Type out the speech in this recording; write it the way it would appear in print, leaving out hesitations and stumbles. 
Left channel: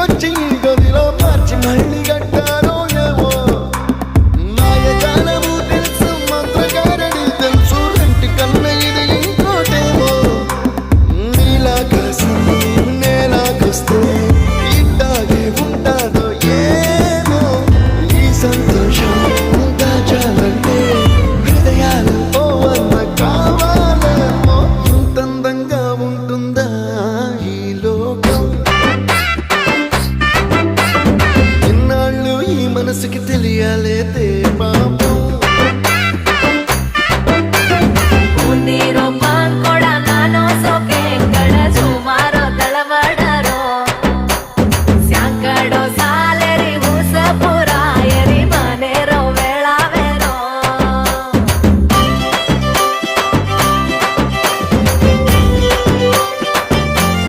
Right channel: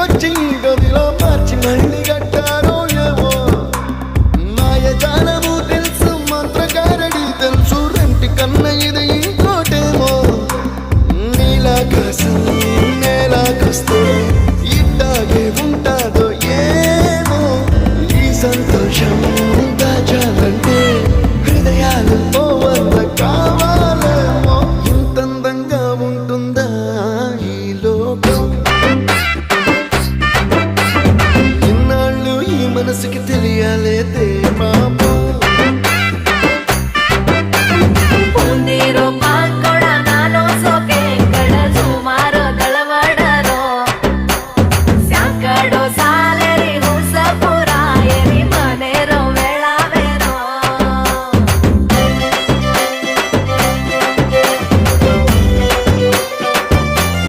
ఇంటికొచ్చి గదిలో మార్చి మళ్ళీ కట్టారో ఏమో మాయజాలము తెలుసు మంత్రకారడి తెలుసు రెంటి కన్న ఇది ఇంకోటేమో నీలాకాశం నేలాకొస్తే ఇట్టాగే ఉంటాదో ఏమో ఈ సంతోషం దాచాలంటే హృదయాలు ఓ వంద కావాలేమో ఇంతందంగా ఉంటుందా ఈ లోకం ఇన్నాళ్ళు ఈ మనసుకి తెలియాలేదే పాపం